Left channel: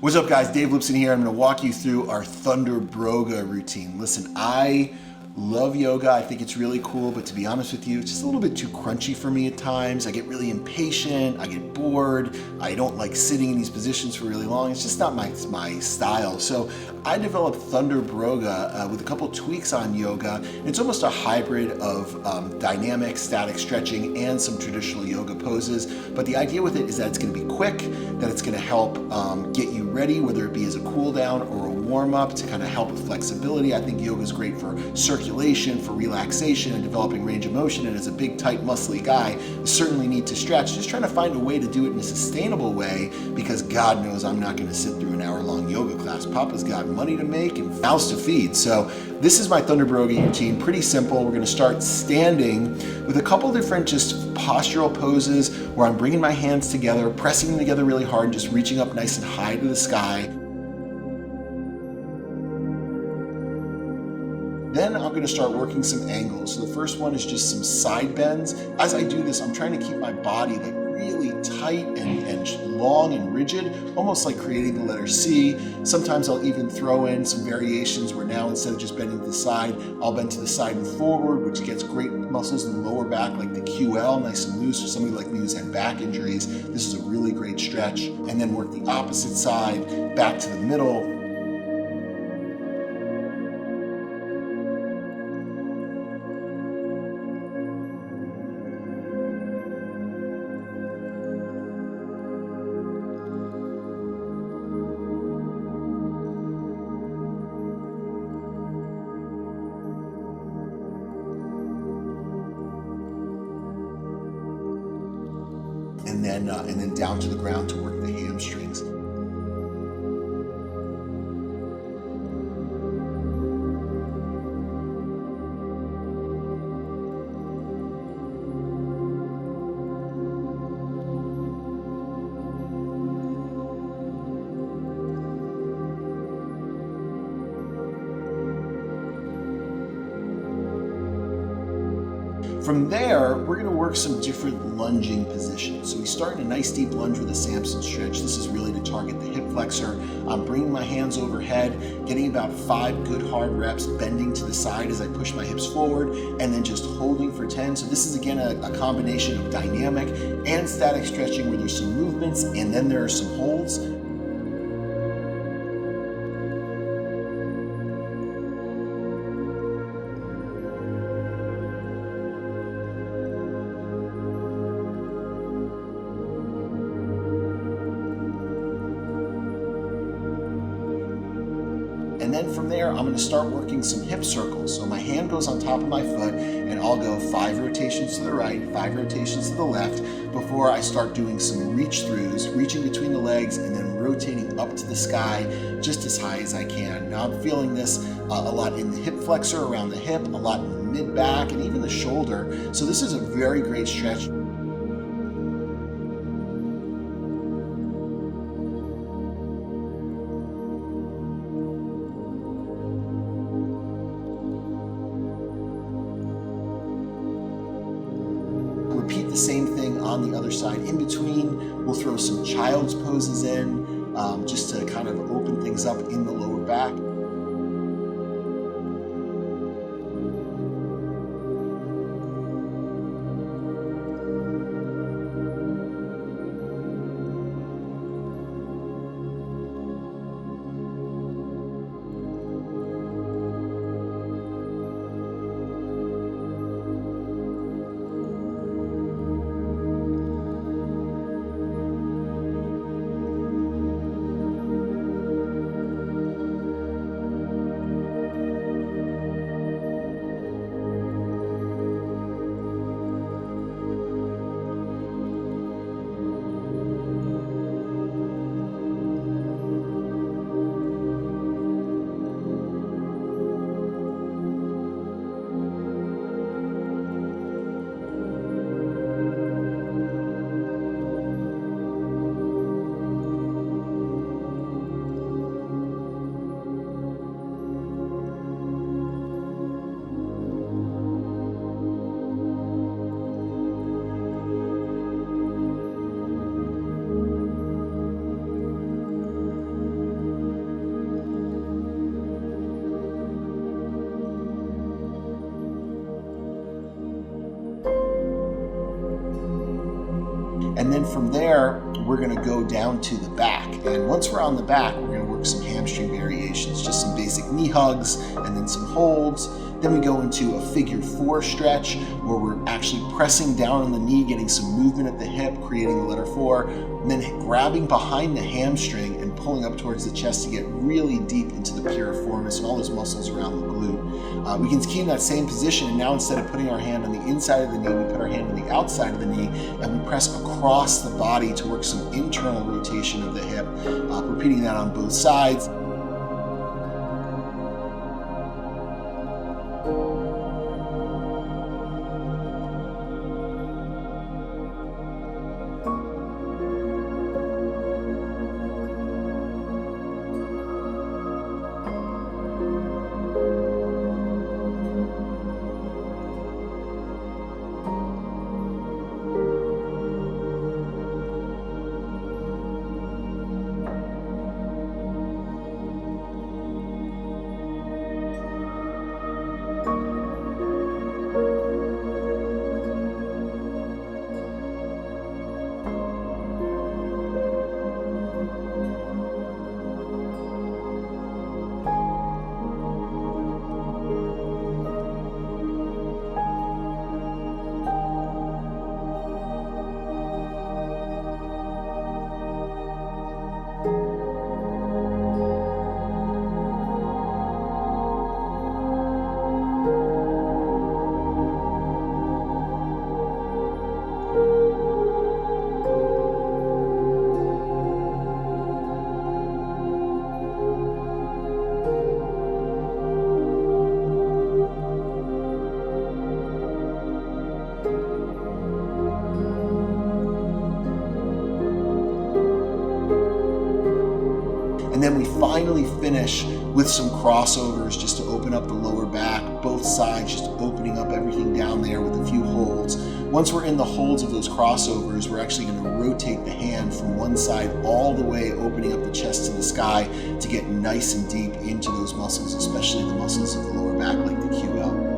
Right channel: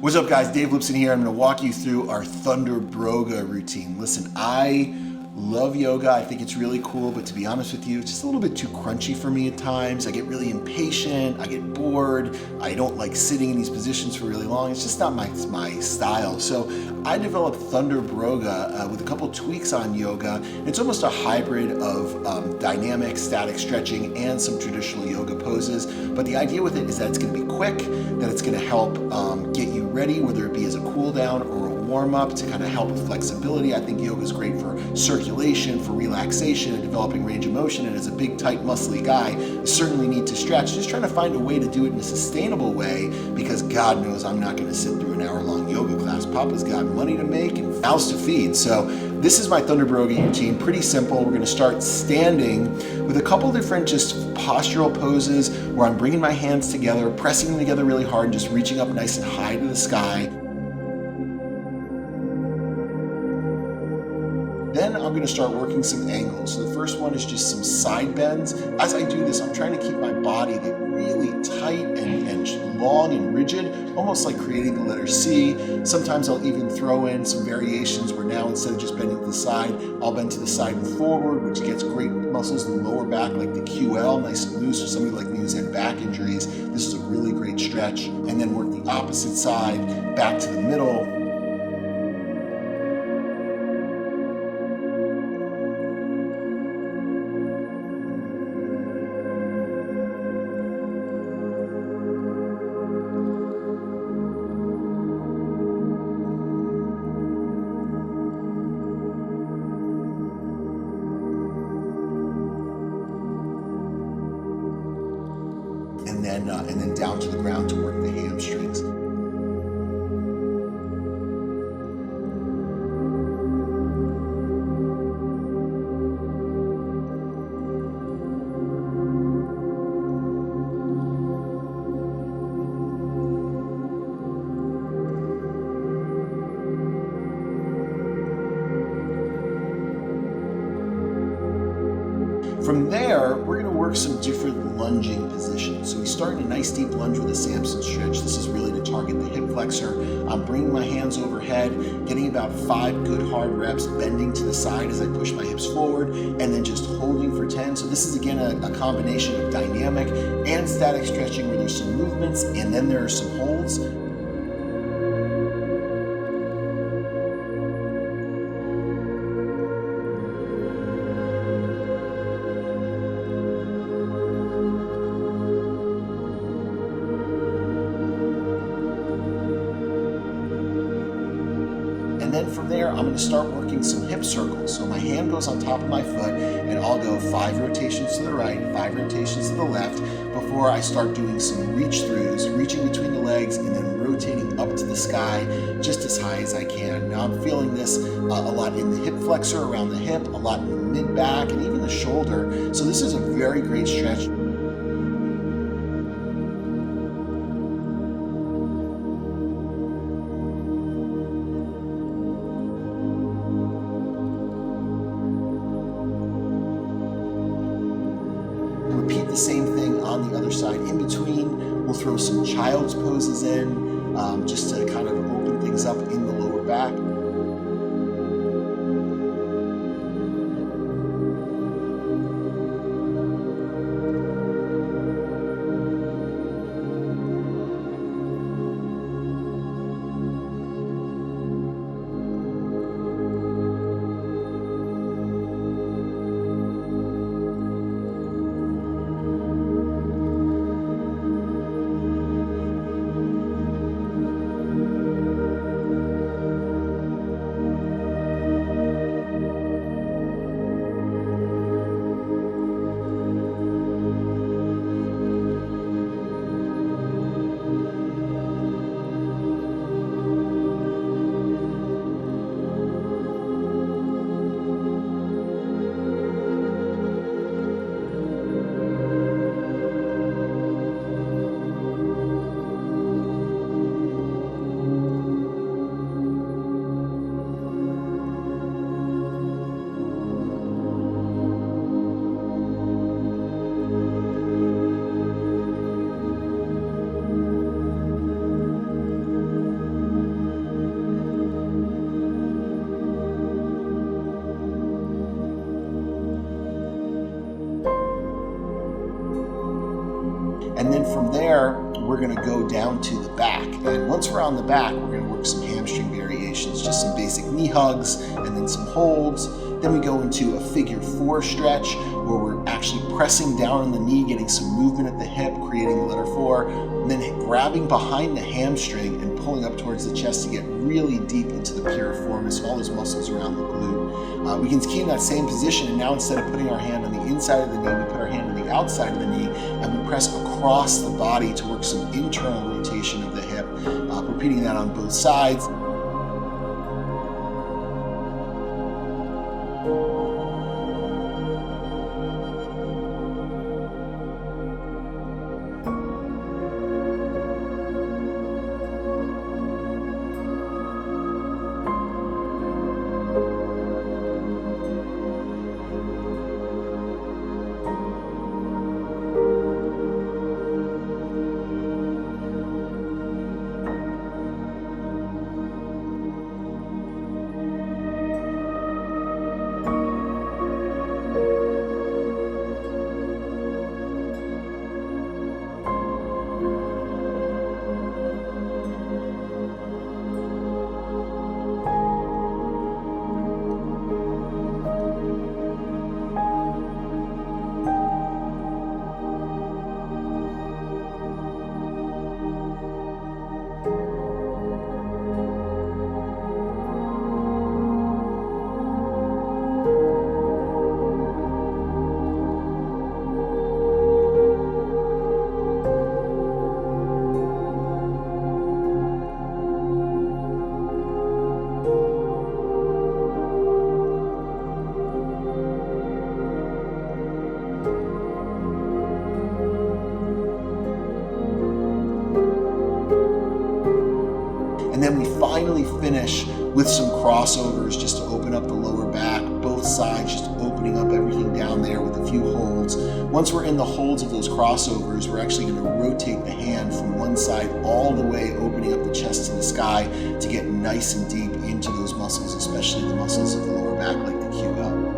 What's up, guys? Dave Lipson here. I'm going to walk you through our Thundrbro Yoga routine. Listen, I love yoga. I think it's really cool, but to be honest with you, it's just a little bit too crunchy for me at times. I get really impatient. I get bored. I don't like sitting in these positions for really long. It's just not my style. So I developed Thundrbro Yoga with a couple tweaks on yoga. And it's almost a hybrid of dynamic, static stretching and some traditional yoga poses. But the idea with it is that it's going to be quick, that it's going to help get you ready, whether it be as a cool down or a warm up to kind of help with flexibility. I think yoga is great for circulation, for relaxation and developing range of motion. And as a big, tight, muscly guy, you certainly need to stretch. Just trying to find a way to do it in a sustainable way, because God knows I'm not going to sit through an hour-long yoga class. Papa's got money to make and mouths to feed. So this is my Thundrbro Yoga routine. Pretty simple. We're going to start standing with a couple different just postural poses where I'm bringing my hands together, pressing them together really hard, and just reaching up nice and high to the sky. Then I'm going to start working some angles. So the first one is just some side bends. As I do this, I'm trying to keep my body like really tight and long and rigid, almost like creating the letter C. Sometimes I'll even throw in some variations where now instead of just bending to the side, I'll bend to the side and forward, which gets great muscles in the lower back like the QL, nice and loose. For somebody like me who's had back injuries, this is a really great stretch. And then work the opposite side, back to the middle. And then down to the ground to work the hamstrings. From there, we're going to work some different lunging positions. So we start in a nice deep lunge with a Samson stretch. This is really to target the hip flexor. I'm bringing my hands overhead, getting about 5 good hard reps, bending to the side as I push my hips forward, and then just holding for 10. So this is again a combination of dynamic and static stretching where there's some movements and then there are some holds. And then from there, I'm going to start working some hip circles. So my hand goes on top of my foot and I'll go 5 rotations to the right, 5 rotations to the left before I start doing some reach throughs, reaching between the legs and then rotating up to the sky just as high as I can. Now I'm feeling this a lot in the hip flexor, around the hip, a lot in the mid back and even the shoulder. So this is a very great stretch. Repeat the same thing on the other side. In between, we'll throw some child's poses in just to kind of open things up in the lower back. And then from there, we're gonna go down to the back. And once we're on the back, we're gonna work some hamstring variations, just some basic knee hugs and then some holds. Then we go into a figure 4 stretch where we're actually pressing down on the knee, getting some movement at the hip, creating the letter 4, and then grabbing behind the hamstring and pulling up towards the chest to get really deep into the piriformis and all those muscles around the glute. We can keep in that same position, and now instead of putting our hand on the inside of the knee, we put our hand on the outside of the knee and we press across the body to work some internal rotation of the hip, repeating that on both sides. And then we finally finish with some crossovers just to open up the lower back, both sides, just opening up everything down there with a few holds. Once we're in the holds of those crossovers, we're actually going to rotate the hand from one side all the way, opening up the chest to the sky to get nice and deep into those muscles, especially the muscles of the lower back like the QL.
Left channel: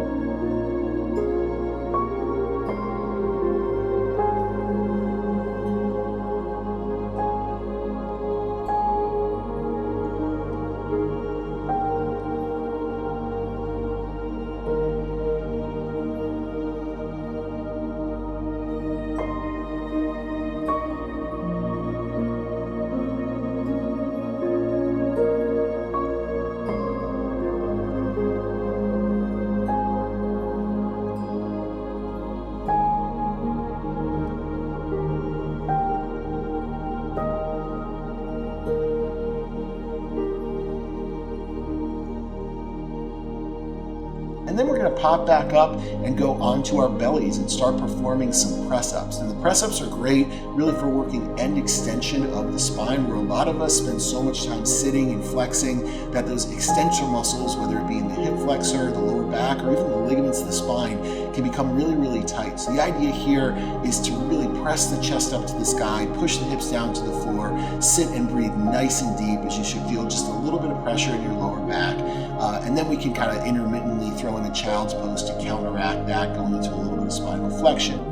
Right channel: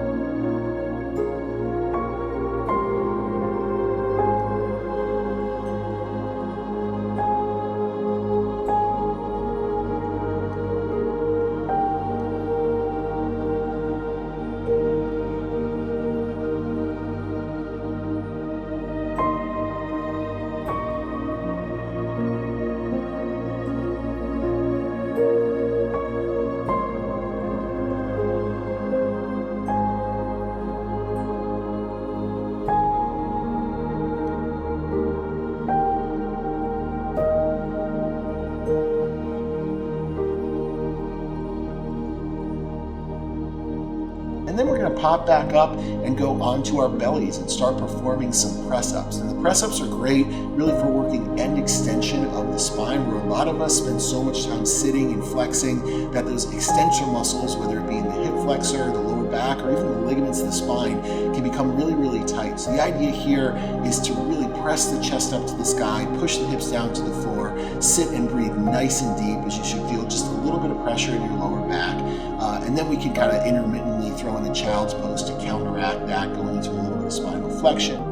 And then we're going to pop back up and go onto our bellies and start performing some press-ups. And the press-ups are great really for working end extension of the spine, where a lot of us spend so much time sitting and flexing that those extensor muscles, whether it be in the hip flexor, the lower back, or even the ligaments of the spine, can become really, really tight. So the idea here is to really press the chest up to the sky, push the hips down to the floor, sit and breathe nice and deep, as you should feel just a little bit of pressure in your lower back. And then we can kind of intermittently throw in a child's pose to counteract that, going into a little bit of spinal flexion.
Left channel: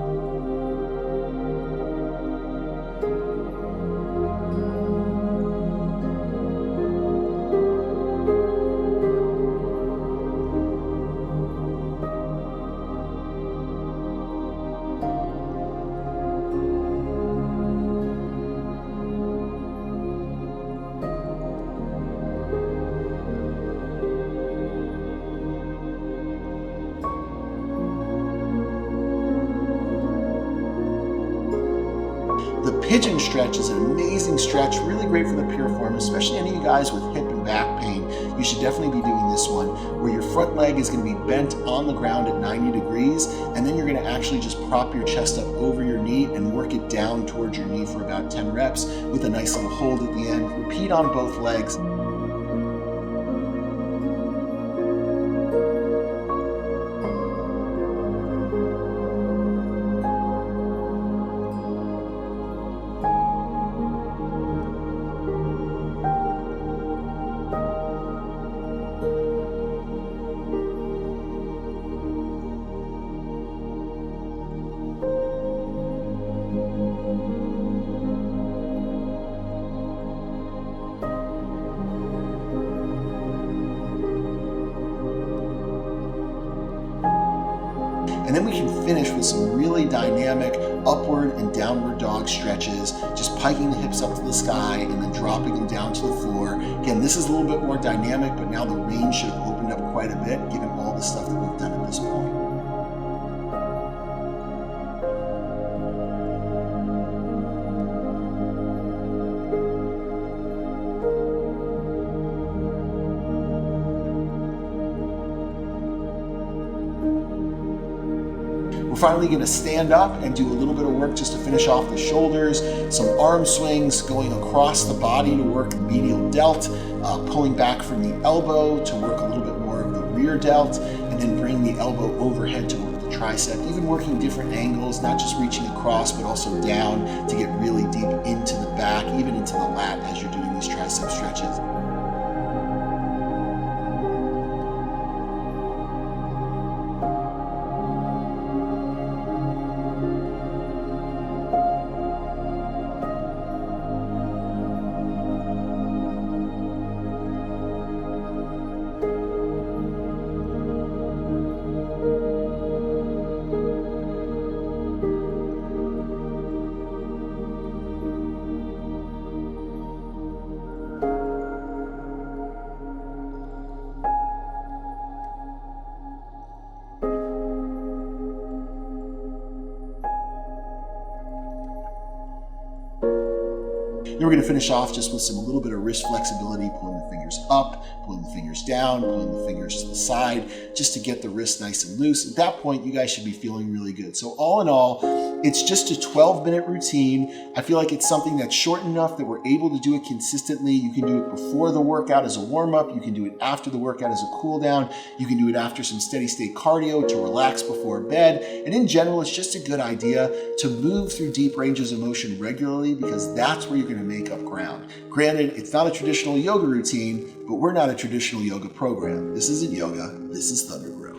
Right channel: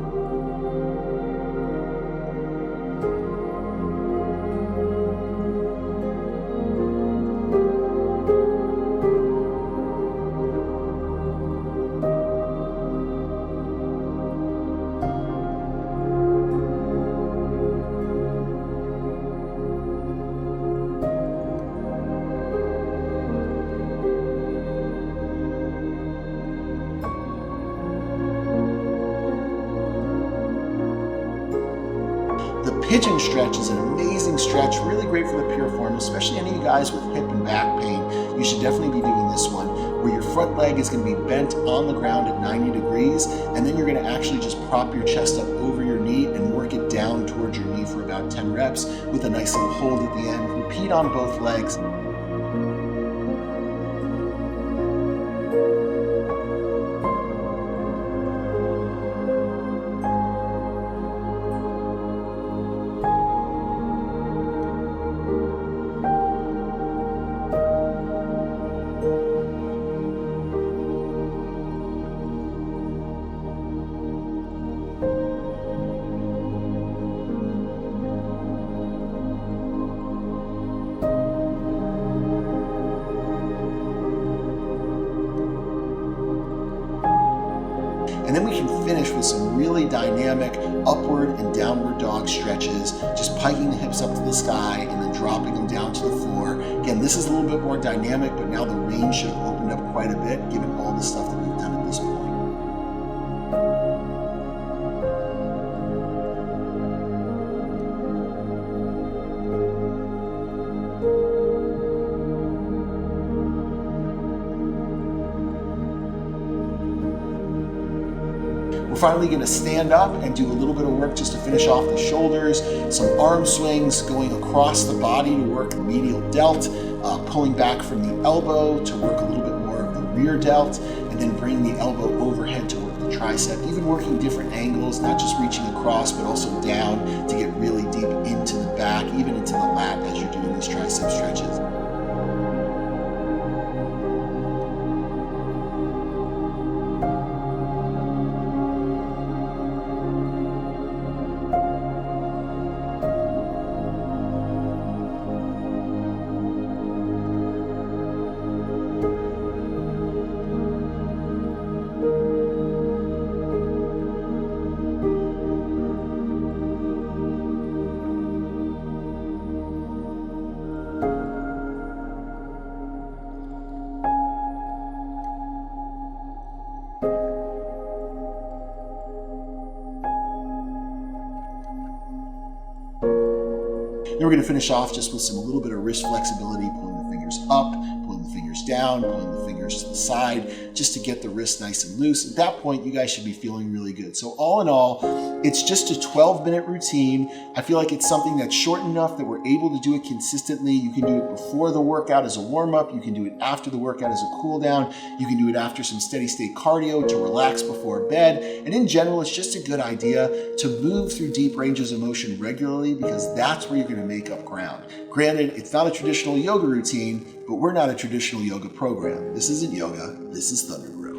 The pigeon stretch is an amazing stretch, really great for the piriformis, especially any of you guys with hip and back pain. You should definitely be doing this one, where your front leg is going to be bent on the ground at 90 degrees, and then you're going to actually just prop your chest up over your knee and work it down towards your knee for about 10 reps with a nice little hold at the end. Repeat on both legs. And then we can finish with some really dynamic upward and downward dog stretches, just piking the hips up to the sky and then dropping them down to the floor. Again, this is a little bit more dynamic, but now the range should have opened up quite a bit given all the stuff that we've done at this point. We're finally going to stand up and do a little bit of work just to finish off the shoulders, some arm swings going across the body to work the medial delt, pulling back from the elbow to work a little bit more of the rear delt, and then bring the elbow overhead to work the tricep, even working different angles, not just reaching across, but also down to get really deep into the back, even into the lat as you're doing these tricep stretches. Then we're going to finish off just with a little bit of wrist flexibility, pulling the fingers up, pulling the fingers down, pulling the fingers to the side, just to get the wrist nice and loose. At that point, you guys should be feeling really good. So all in all, it's just a 12-minute routine. I feel like it's something that's short enough that we're able to do it consistently. You can do it before the workout as a warm-up. You can do it after the workout as a cool-down. You can do it after some steady-state cardio to relax before bed. And in general, it's just a good idea to move through deep ranges of motion regularly, because that's where you're going to make up ground. Granted, it's not a traditional yoga routine, but we're not a traditional yoga program. This isn't yoga. This is Thundrbro.